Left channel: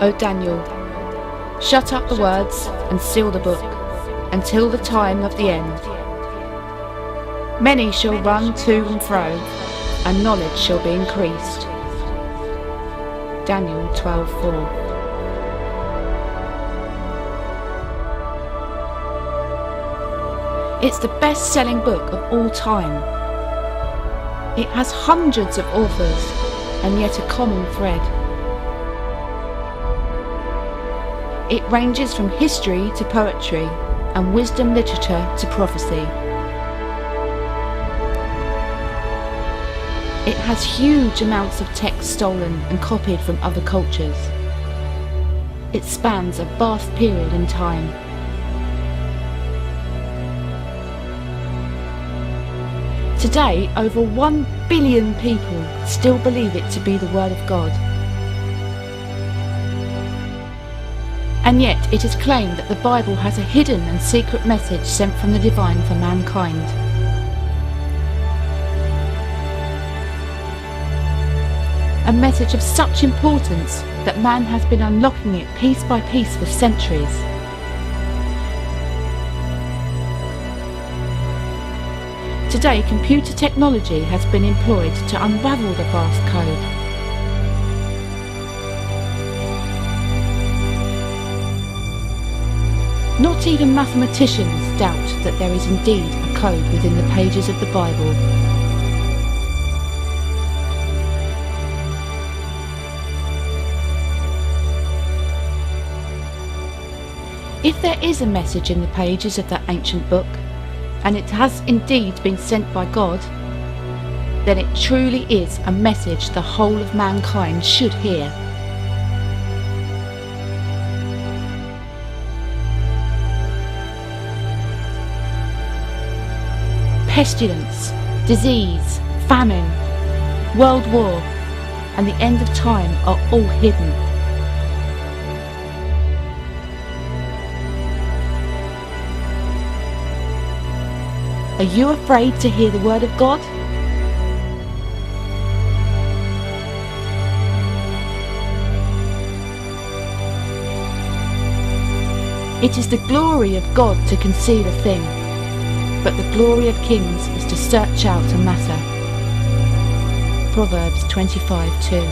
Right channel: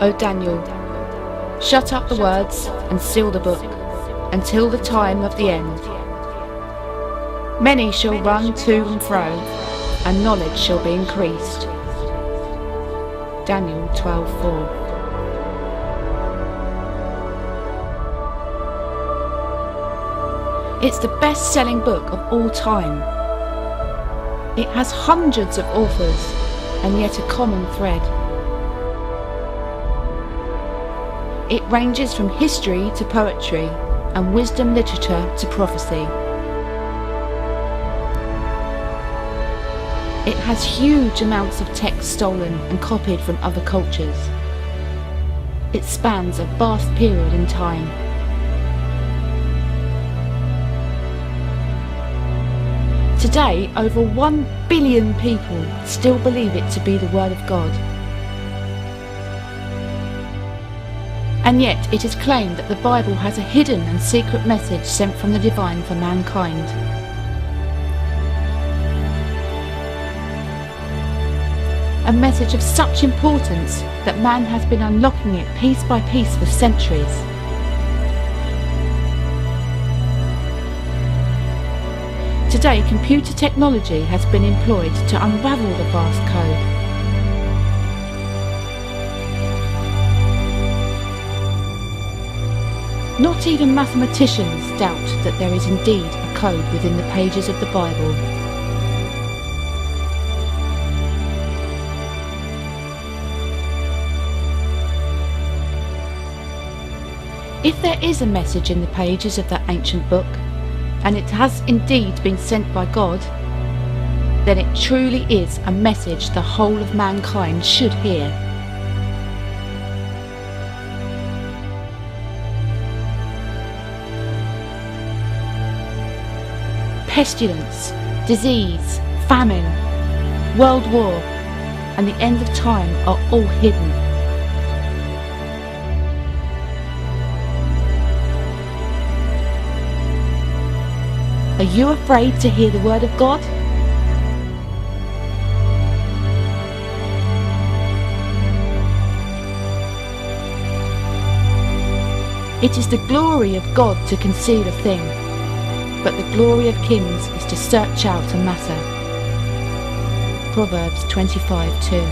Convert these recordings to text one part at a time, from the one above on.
O Daniel, shut up the words and seal the book until the time of the end. Many shall run to and fro, and knowledge shall be increased. Daniel 12:4. It's the best-selling book of all time. It has hundreds of authors, and yet a common thread. It ranges from history to poetry, and wisdom literature to prophecy. It has huge amounts of text stolen and copied from other cultures. It spans a vast period in time. Today, over 1 billion people still believe it to be the Word of God. And yet it is claimed that the Bible has a hidden and secret message sent from the divine for mankind. A message of such importance that man has been unlocking it piece by piece for centuries. Today, computer technology has been employed to unravel the vast code. Not even mathematicians doubt that there is indeed a code within the pages of the Bible. If there is a message in the pages of that ancient book, and it has indeed been sent by God, then it truly is a message the whole of mankind should hear. Pestilence, disease, famine, world war, and the end of time are all hidden. Are you afraid to hear the word of God? It is the glory of God to conceal a thing, but the glory of kings is to search out a matter. Proverbs 25:2.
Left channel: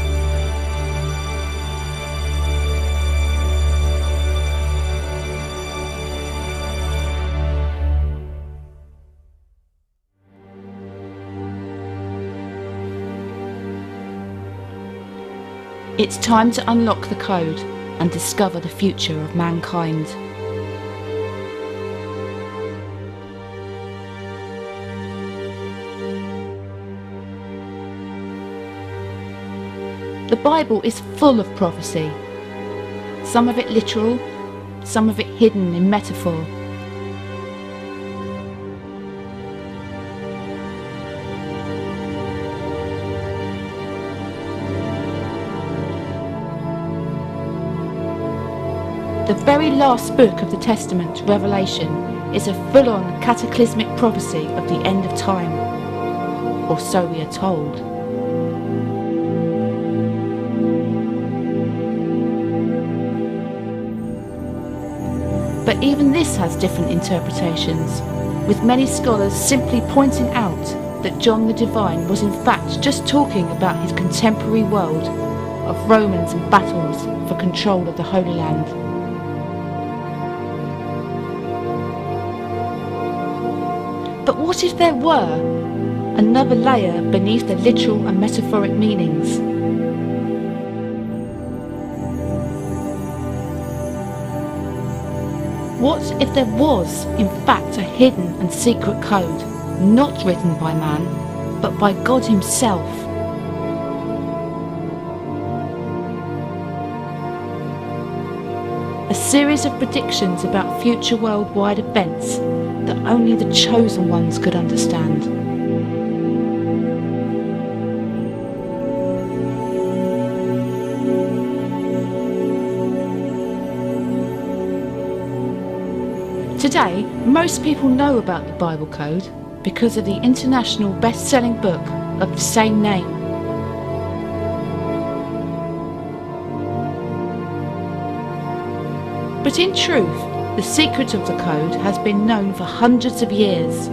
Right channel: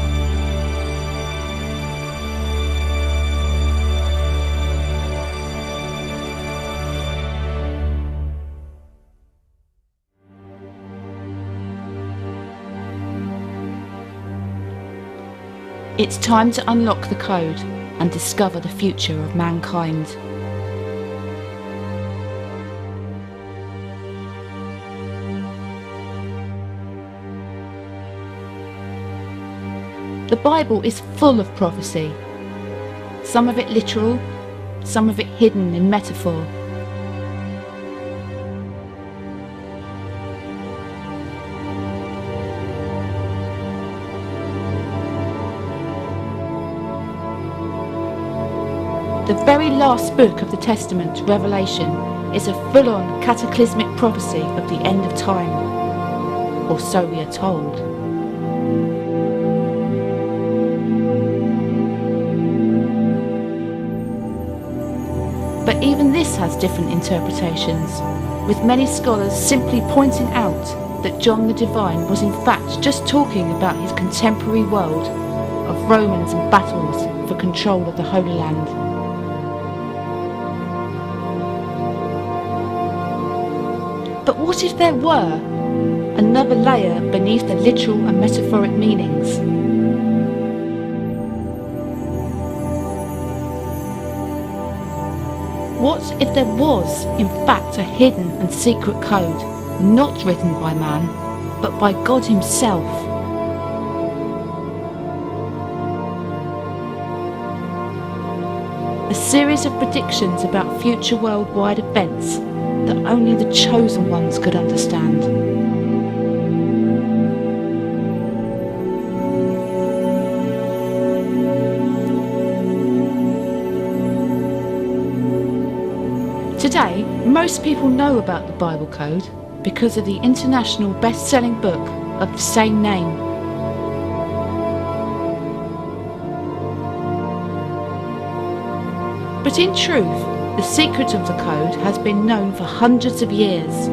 It's time to unlock the code and discover the future of mankind. The Bible is full of prophecy, some of it literal, some of it hidden in metaphor. The very last book of the Testament, Revelation, is a full-on cataclysmic prophecy of the end of time, or so we are told. But even this has different interpretations, with many scholars simply pointing out that John the Divine was in fact just talking about his contemporary world of Romans and battles for control of the Holy Land. But what if there were another layer beneath the literal and metaphoric meanings? What if there was, in fact, a hidden and secret code, not written by man, but by God himself? A series of predictions about future worldwide events that only the chosen ones could understand. Today, most people know about the Bible Code because of the international best-selling book of the same name. But in truth, the secret of the code has been known for hundreds of years.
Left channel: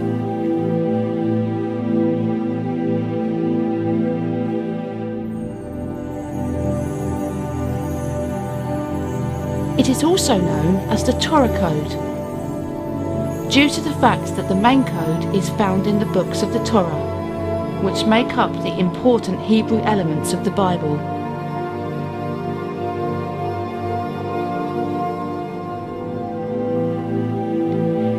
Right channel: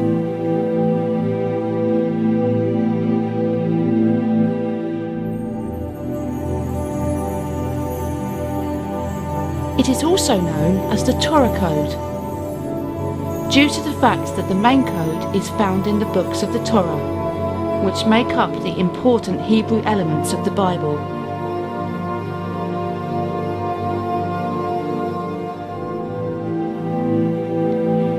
It is also known as the Torah Code, due to the fact that the main code is found in the books of the Torah, which make up the important Hebrew elements of the Bible.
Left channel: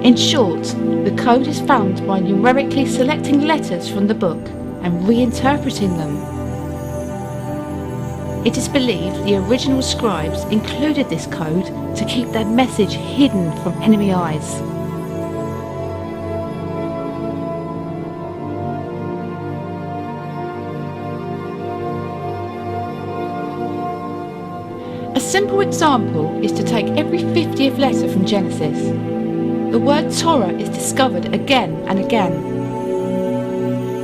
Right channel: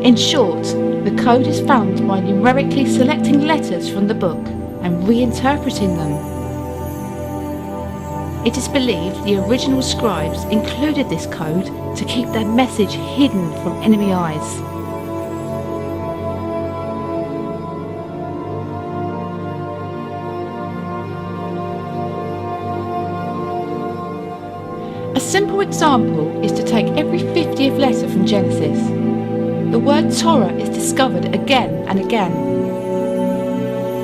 In short, the code is found by numerically selecting letters from the book and reinterpreting them. It is believed the original scribes included this code to keep their message hidden from enemy eyes. A simple example is to take every 50th letter from Genesis. The word Torah is discovered again and again.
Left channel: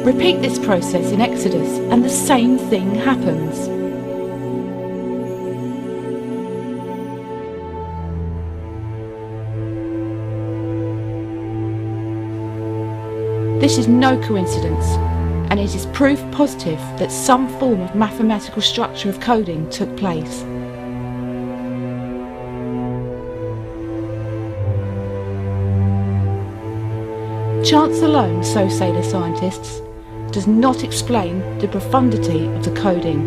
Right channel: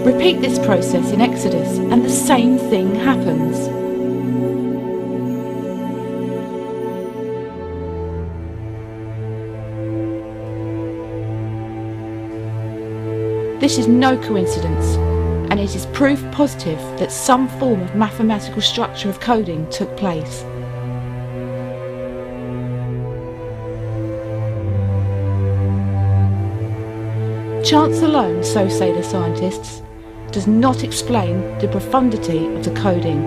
Repeat this process in Exodus and the same thing happens. This is no coincidence, and it is proof positive that some form of mathematical structure of coding took place. Chance alone, so say the scientists, does not explain the profundity of the coding.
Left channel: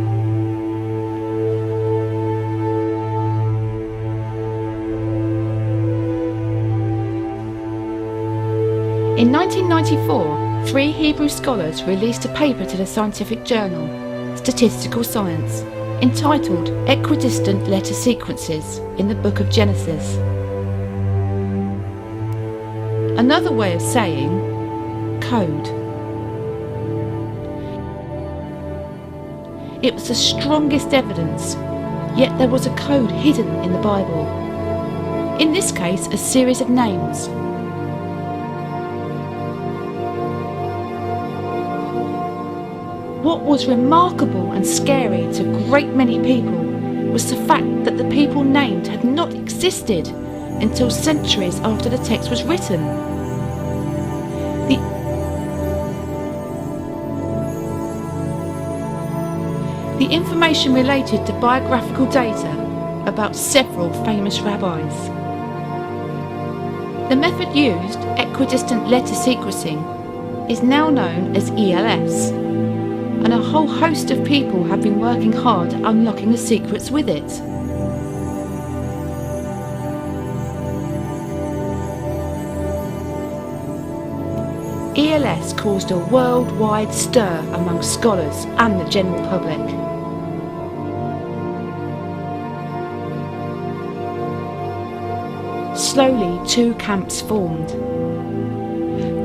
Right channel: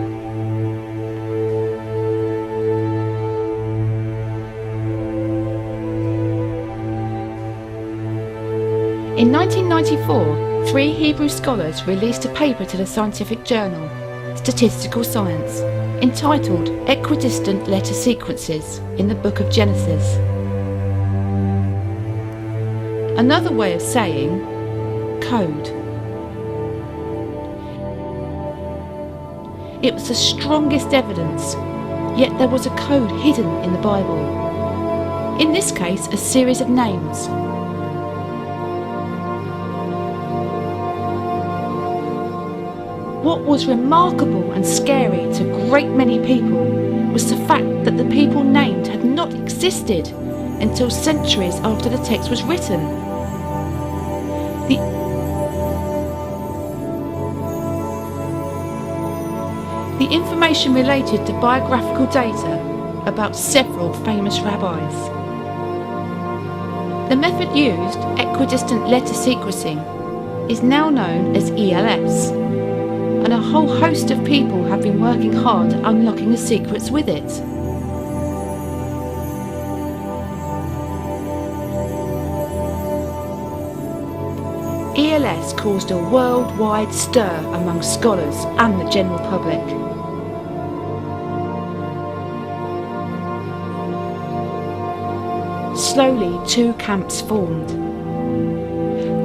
In 1994, 3 Hebrew scholars released a paper to the scientific journal, Statistical Science, entitled Equidistant Letter Sequences in the Book of Genesis. Another way of saying code. It was the strongest evidence, yet there was a code hidden in the Bible. In this case, a series of names. What was remarkable and scary to a great many people was the fact that the people named had not existed until centuries after the text was written. The information related to biographical data about several famous rabbis. The method used, equidistant letter sequencing, is now known as ELS, and a whole host of people have been working hard at unlocking the secrets with it. ELS caused a worldwide stir among scholars and the general public. Slowly, 2 camps formed.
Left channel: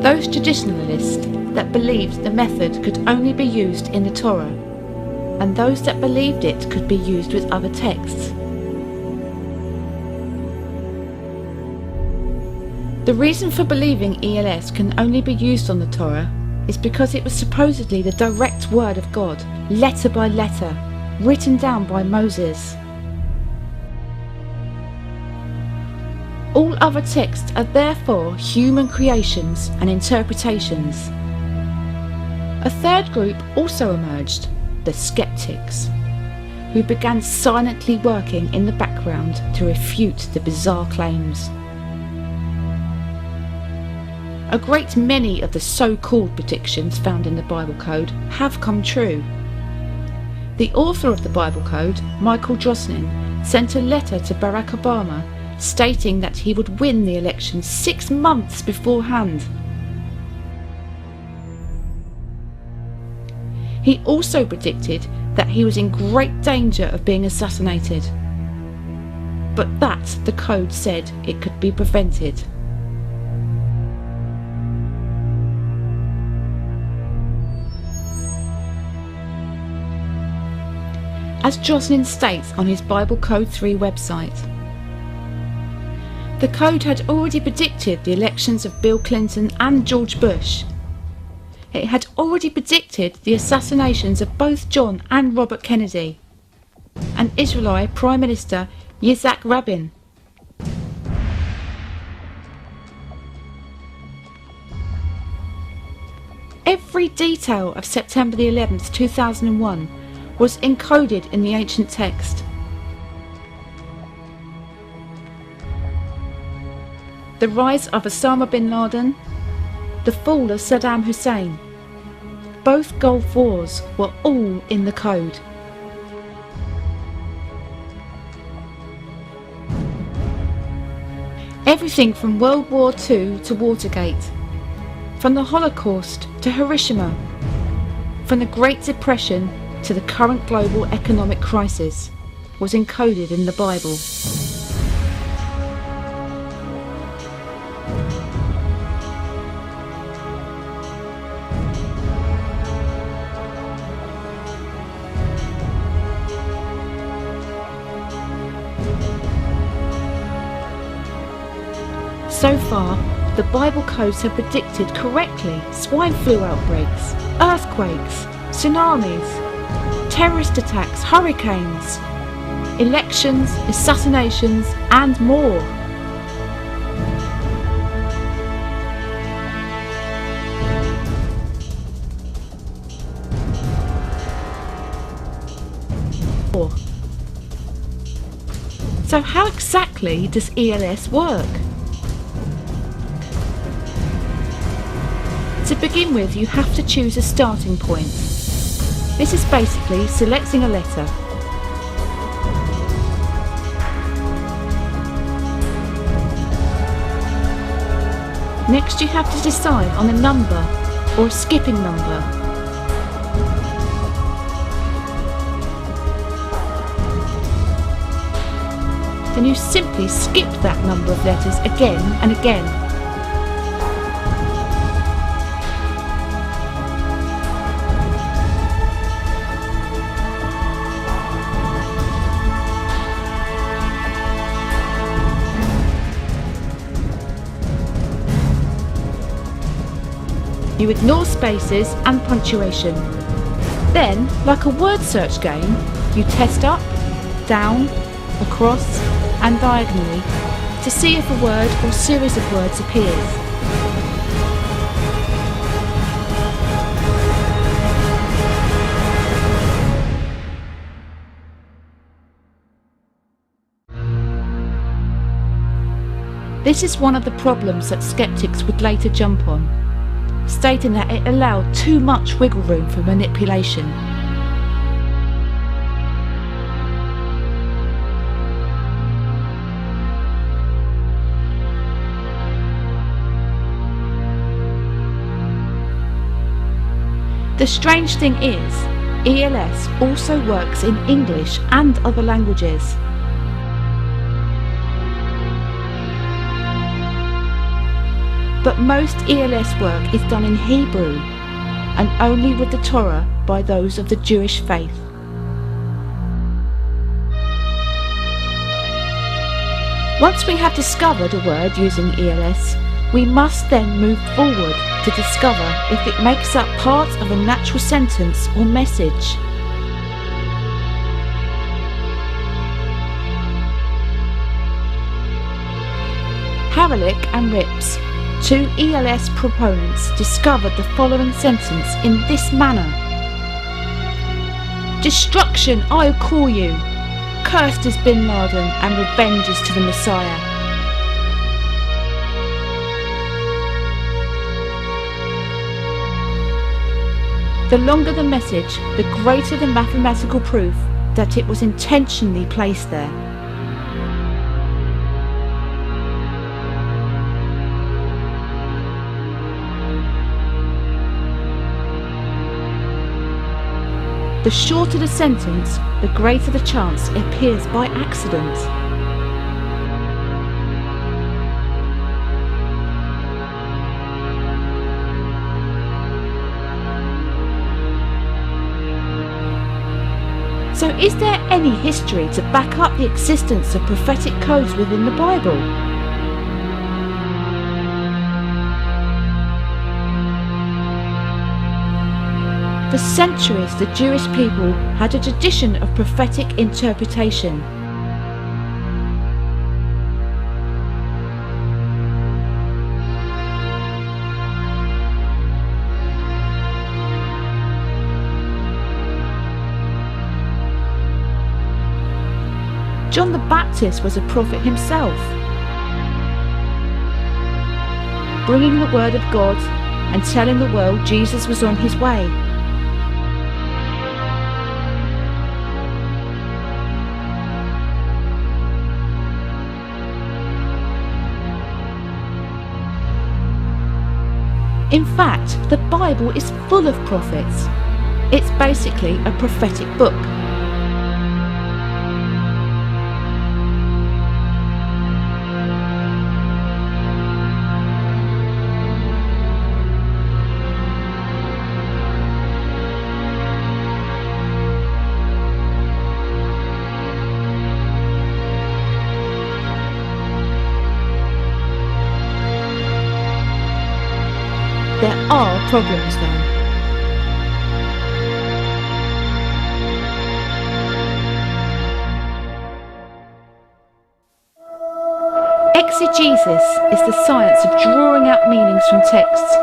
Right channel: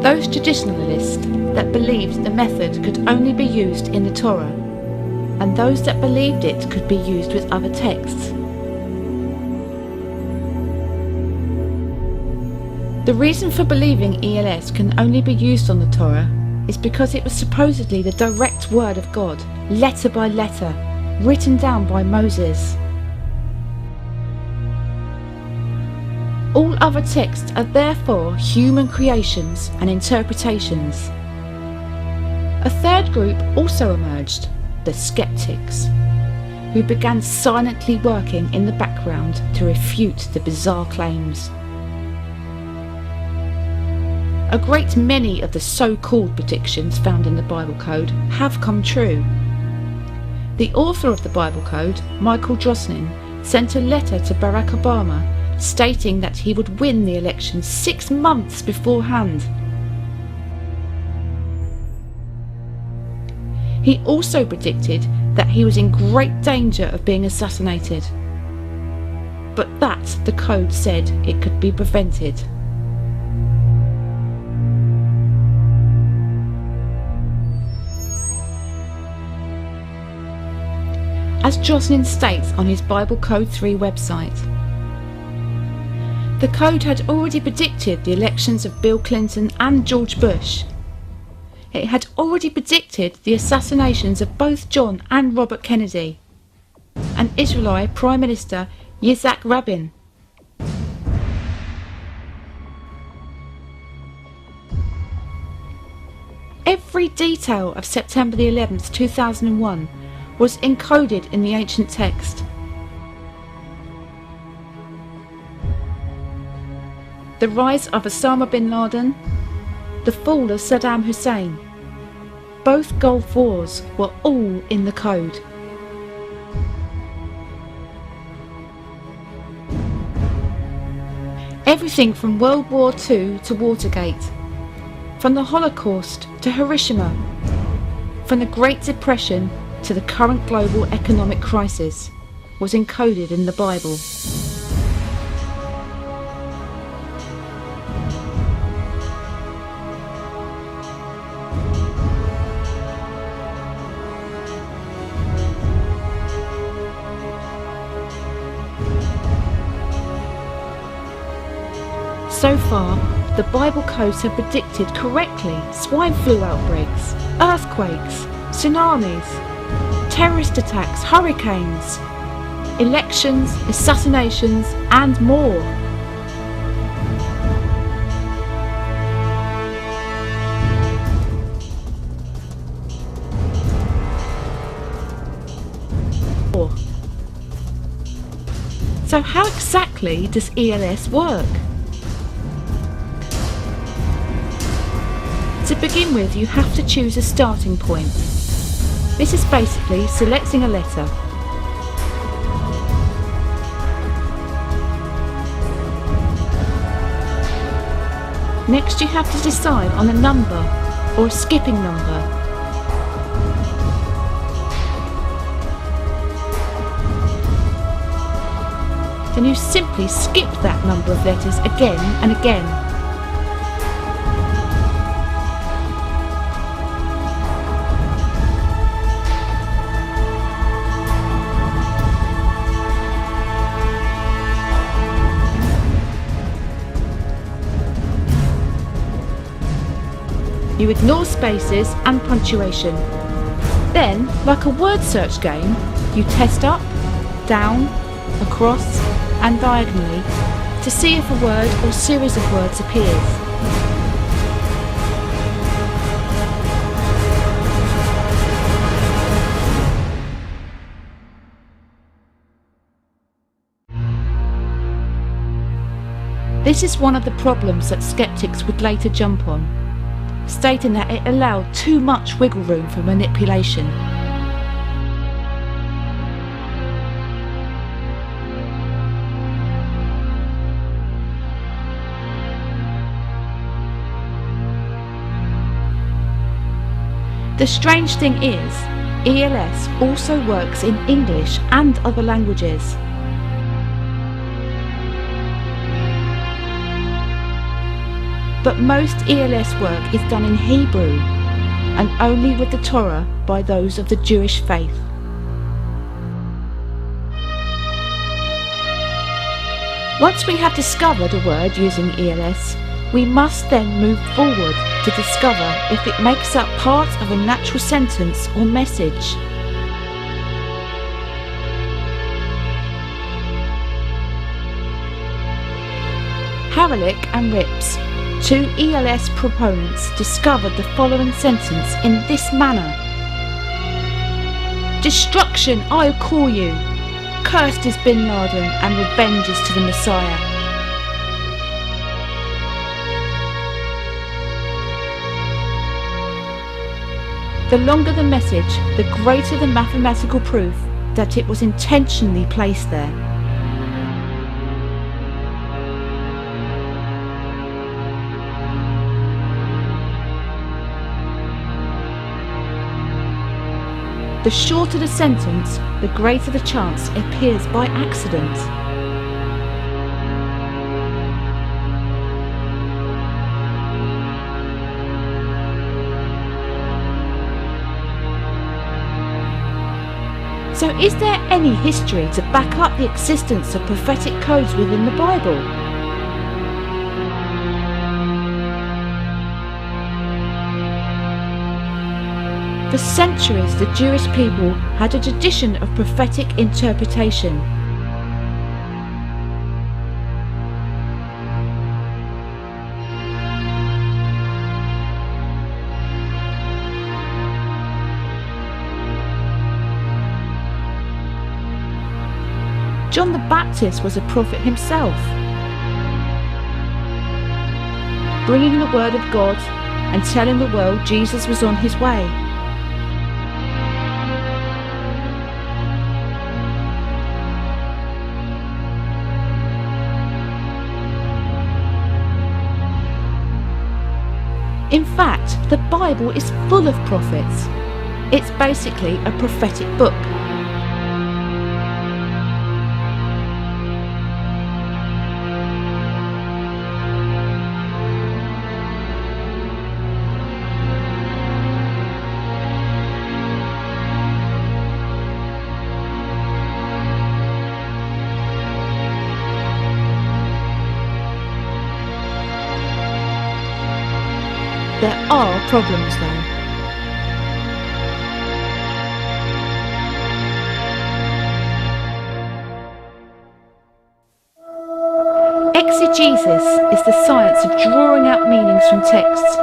Those traditionalists that believed the method could only be used in the Torah, and those that believed it could be used with other texts. The reason for believing ELS can only be used on the Torah is because it was supposedly the direct word of God, letter by letter, written down by Moses. All other texts are therefore human creations and interpretations. A third group also emerged, the skeptics, who began silently working in the background to refute the bizarre claims. A great many of the so-called predictions found in the Bible Code have come true. The author of the Bible Code, Michael Drosnin, sent a letter to Barack Obama stating that he would win the election 6 months beforehand. He also predicted that he was in great danger of being assassinated, but that the code said it could be prevented. As Drosnin states on his Bible Code 3 website, the code had already predicted the elections of Bill Clinton and George Bush. It had already predicted the assassinations of both John and Robert Kennedy, and Israeli Prime Minister Yitzhak Rabin. Every detail of September the 11th, 2001 was encoded in the ancient text. The rise of Osama bin Laden, the fall of Saddam Hussein, both Gulf Wars were all in the code. Everything from World War II to Watergate, from the Holocaust to Hiroshima, from the Great Depression to the current global economic crisis, was encoded in the Bible. So far, the Bible codes have predicted correctly swine flu outbreaks, earthquakes, tsunamis, terrorist attacks, hurricanes, elections, assassinations, and more. So how exactly does ELS work? To begin with, you have to choose a starting point. This is basically selecting a letter. Next, you have to decide on a number or a skipping number. Then you simply skip that number of letters again and again. You ignore spaces and punctuation. Then, like a word search game, you test up, down, across and diagonally to see if a word or series of words appears. This is one of the problems that skeptics would later jump on, stating that it allowed too much wiggle room for manipulation. The strange thing is, ELS also works in English and other languages. But most ELS work is done in Hebrew, and only with the Torah by those of the Jewish faith. Once we have discovered a word using ELS, we must then move forward to discover if it makes up part of a natural sentence or message. Haralick and Rips, two ELS proponents, discovered the following sentence in this manner: "Destruction I'll call you, cursed is Bin Laden and revenge is to the Messiah." The longer the message, the greater the mathematical proof that it was intentionally placed there. The shorter the sentence, the greater the chance it appears by accident. So is there any history to back up the existence of prophetic codes within the Bible? For centuries, the Jewish people had a tradition of prophetic interpretation. John the Baptist was a prophet himself, bringing the word of God and telling the world Jesus was on his way. In fact, the Bible is full of prophets. It's basically a prophetic book. There are problems though. Exegesis is the science of drawing out meanings from texts.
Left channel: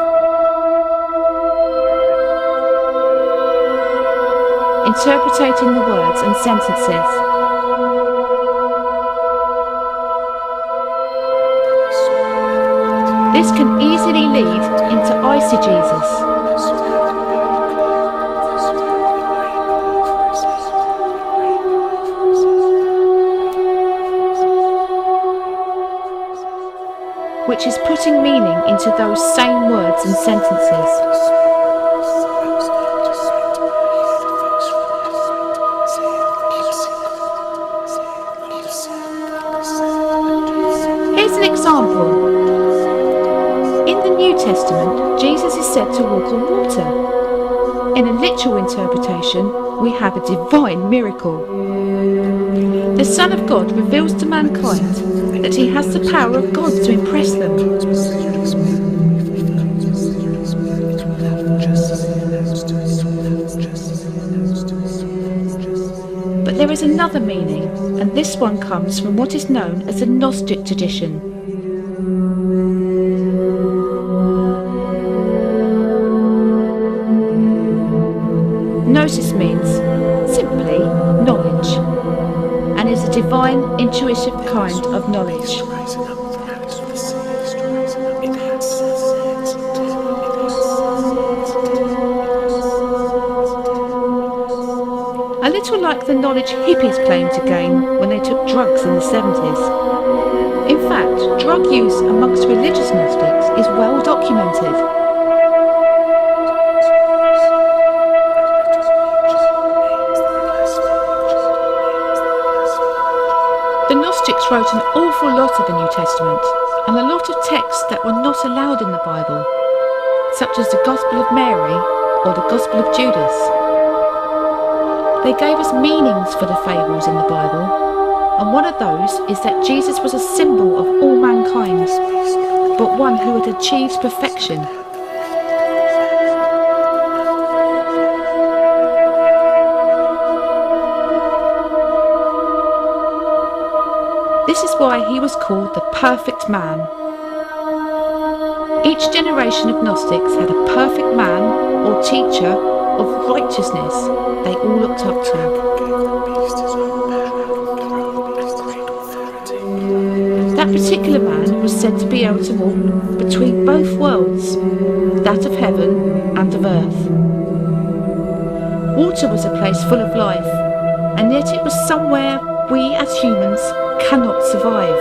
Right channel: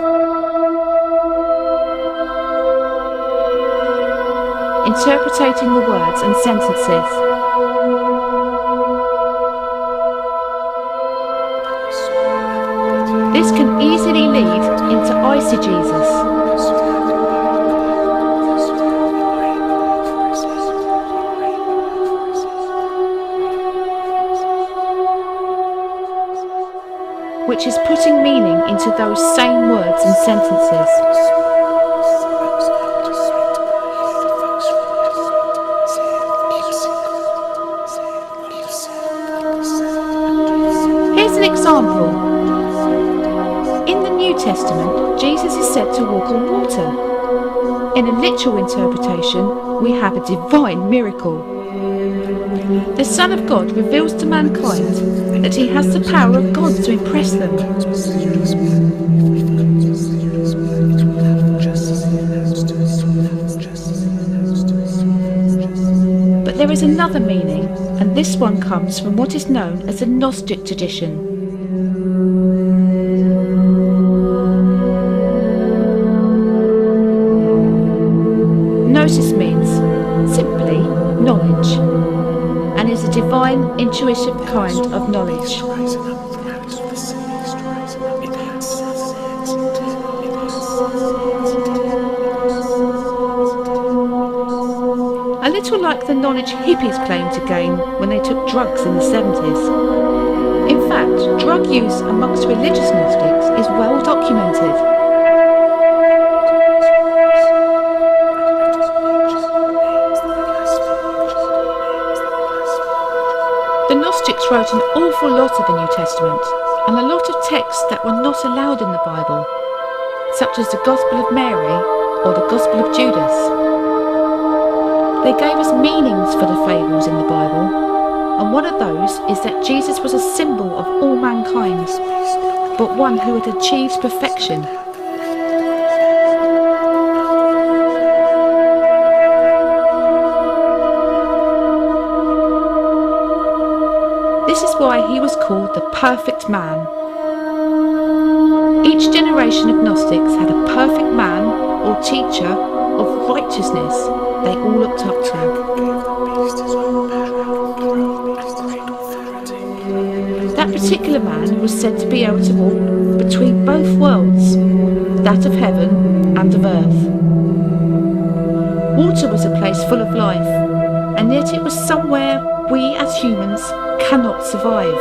Interpreting the words and sentences. This can easily lead into eisegesis. Which is putting meaning into those same words and sentences. Here's an example. In the New Testament, Jesus is said to walk on water. In a literal interpretation, we have a divine miracle. The Son of God reveals to mankind that he has the power of God to impress them. But there is another meaning, and this one comes from what is known as the Gnostic tradition. Gnosis means, simply, knowledge, and is a divine, intuitive kind of knowledge. A little like the knowledge hippies claimed to gain when they took drugs in the 70s. In fact, drug use amongst religious Gnostics is well documented. The Gnostics wrote an awful lot of the New Testament, and a lot of texts that were not allowed in the Bible, such as the Gospel of Mary or the Gospel of Judas. They gave us meanings for the fables in the Bible, and one of those is that Jesus was a symbol of all mankind, but one who had achieved perfection. This is why he was called the perfect man. Each generation of Gnostics had a perfect man or teacher of righteousness they all looked up to. That particular man was said to be able to walk between both worlds, that of heaven and of earth. Water was a place full of life, and yet it was somewhere we as humans cannot survive.